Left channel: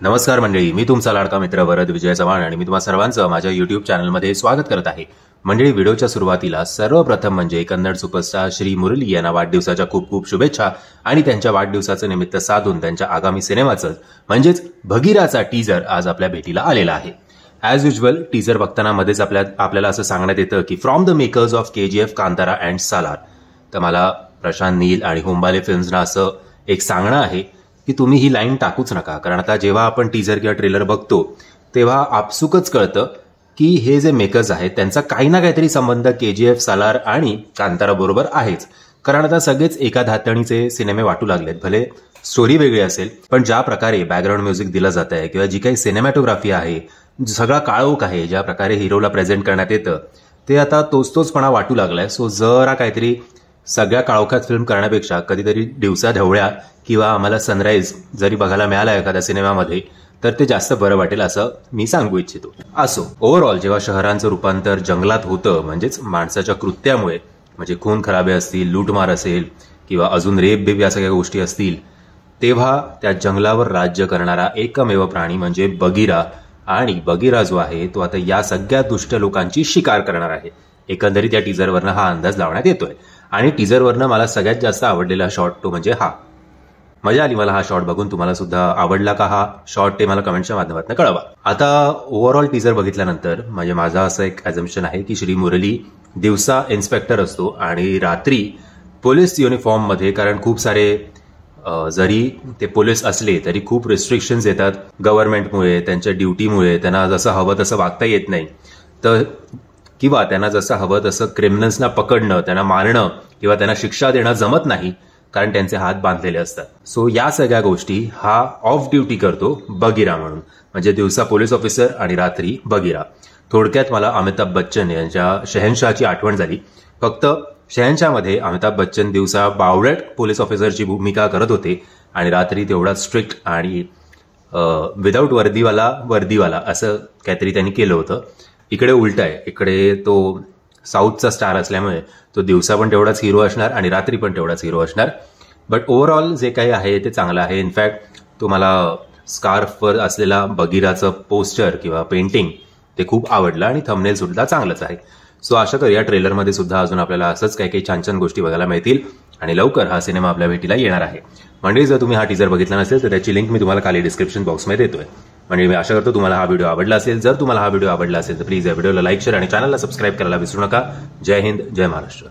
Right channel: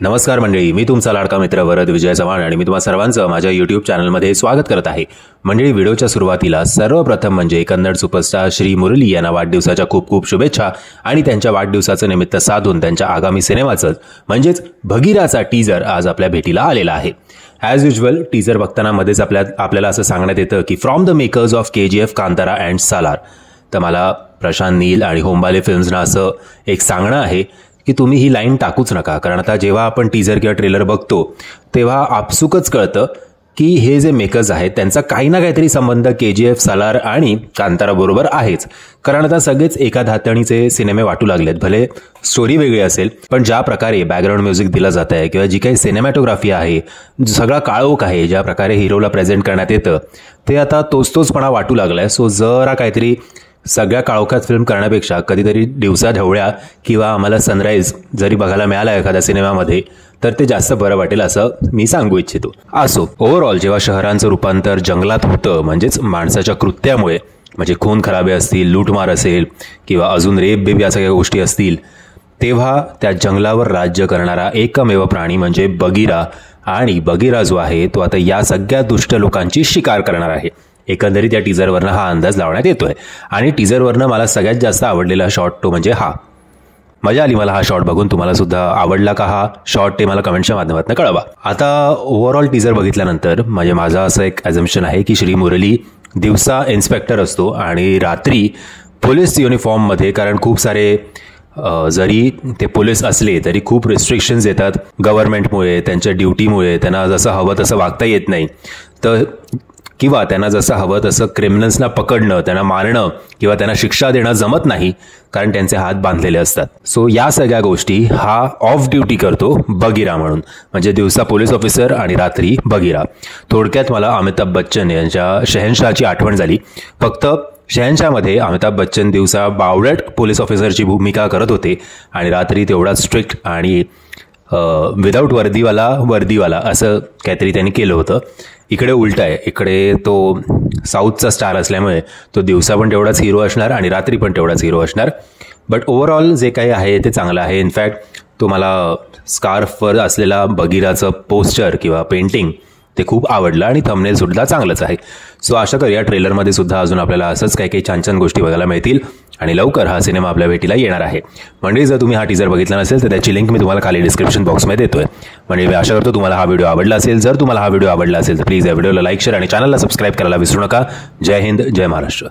नमस्कार मंडळी, मी तुमचा लाडका मित्र वरद विजय चव्हाण आणि मी तुम्हा सर्वांचं माझ्या यूट्यूब चॅनलमध्ये स्वागत करत आहे. मंडळी, व्हिडिओच्या सुरुवातीला सर्वप्रथम म्हणजे कन्नड सुपरस्टार श्री मुरली यांना वाढदिवसाच्या खूप खूप शुभेच्छा आणि त्यांच्या वाढदिवसाचं निमित्त साधून त्यांच्या आगामी सिनेमाचं म्हणजेच भगीराचा टीजर आज आपल्या भेटीला आलेला आहे. ॲज युजल टीजर बघताना मध्येच आपल्याला असं सांगण्यात येतं की from the makers of KGF, Kantara and Salaar. तर मला प्रशांत नील आणि होंबाले फिल्म्सना असं एक सांगणं आहे की तुम्ही ही लाईन टाकूच नका, कारण आता जेव्हा आपण टीजर किंवा ट्रेलर बघतो तेव्हा आपसुकच कळतं की हे जे मेकर्स आहेत त्यांचा काही ना काहीतरी संबंध KGF, सालार आणि कांतारा बरोबर आहेच. कारण आता सगळेच एका धातणीचे सिनेमे वाटू लागलेत. भले स्टोरी वेगळी असेल, पण ज्या प्रकारे बॅकग्राऊंड म्युझिक दिलं जात आहे किंवा जी काही सिनेमॅटोग्राफी आहे, सगळा काळोख आहे, ज्या प्रकारे हिरोला प्रेझेंट करण्यात येतं ते आता तोचपणा वाटू लागलाय. सो जरा काहीतरी सगळ्या काळोखात फिल्म करण्यापेक्षा कधीतरी दिवसा ढवळ्या किंवा आम्हाला सनराईज जरी बघायला मिळाला एखाद्या सिनेमामध्ये तर ते जास्त बरं वाटेल असं मी सांगू इच्छितो. असो, ओव्हरऑल जेव्हा शहरांचं रूपांतर जंगलात होतं, म्हणजेच माणसाच्या कृत्यामुळे, म्हणजे खून खराबे असतील, लूटमार असेल किंवा अजून रेप बेबी या सगळ्या गोष्टी असतील, तेव्हा त्या जंगलावर राज्य करणारा एकमेव प्राणी म्हणजे बगीरा. आणि बगीरा जो आहे तो आता या सगळ्या दुष्ट लोकांची शिकार करणार आहे. एकंदरीत या टीजरवरनं हा अंदाज लावण्यात येतोय. आणि टीजरवरनं मला सगळ्यात जास्त आवडलेला शॉट तो म्हणजे हा. मजा आली मला हा शॉट बघून. तुम्हाला सुद्धा आवडला का हा शॉट ते मला कमेंटच्या माध्यमातून कळवा. आता ओव्हरऑल टीजर बघितल्यानंतर म्हणजे माझं असं एक अझम्पशन आहे की श्री मुरली दिवसा इन्स्पेक्टर असतो आणि रात्री पोलीस युनिफॉर्ममध्ये, कारण खूप सारे जरी ते पोलीस असले तरी खूप रिस्ट्रिक्शन्स येतात गव्हर्नमेंटमुळे, त्यांच्या ड्युटीमुळे. त्यांना जसं हवं तसं वागता येत नाही, तर किंवा त्यांना जसं हवं तसं क्रिमिनल्सना पकडणं, त्यांना मारणं किंवा त्यांना शिक्षा देणं जमत नाही, कारण त्यांचे हात बांधलेले असतात. सो या सगळ्या गोष्टी हा ऑफ ड्युटी करतो बगीरा म्हणून, म्हणजे दिवसा पोलीस ऑफिसर आणि रात्री बगीरा. थोडक्यात मला अमिताभ बच्चन यांच्या शहनशाहची आठवण झाली. फक्त शहनशाहमध्ये अमिताभ बच्चन दिवसा बावळट पोलीस ऑफिसरची भूमिका करत होते आणि रात्री तेवढा स्ट्रिक्ट आणि विदाऊट वर्दीवाला असं काहीतरी त्यांनी केलं होतं. इकडे उलट आहे. इकडे तो साऊथचा स्टार असल्यामुळे तो दिवसा पण तेवढाच हिरो असणार आणि रात्री पण तेवढाच हिरो असणार. बट ओव्हरऑल जे काही आहे ते चांगलं आहे. इनफॅक्ट तो मला स्कार्फवर असलेला बगीराचं पोस्टर किंवा पेंटिंग ते खूप आवडलं आणि थंबनेल सुद्धा चांगलंच आहे. सो आशा करूया ट्रेलरमध्ये सुद्धा अजून आपल्याला असंच काही छान छान गोष्टी बघायला मिळतील आणि लवकर हा सिनेमा आपल्या भेटीला येणार आहे. म्हणजे जर तुम्ही हा टीजर बघितला नसेल तर त्याची लिंक मी तुम्हाला खाली डिस्क्रिप्शन बॉक्समध्ये देतोय. म्हणजे मी आशा करतो तुम्हाला हा व्हिडिओ आवडला असेल. जर तुम्हाला हा व्हिडिओ आवडला असेल तर प्लीज या व्हिडिओला लाईक, शेअर आणि चॅनलला सबस्क्राईब करायला विसरू नका. जय हिंद, जय महाराष्ट्र.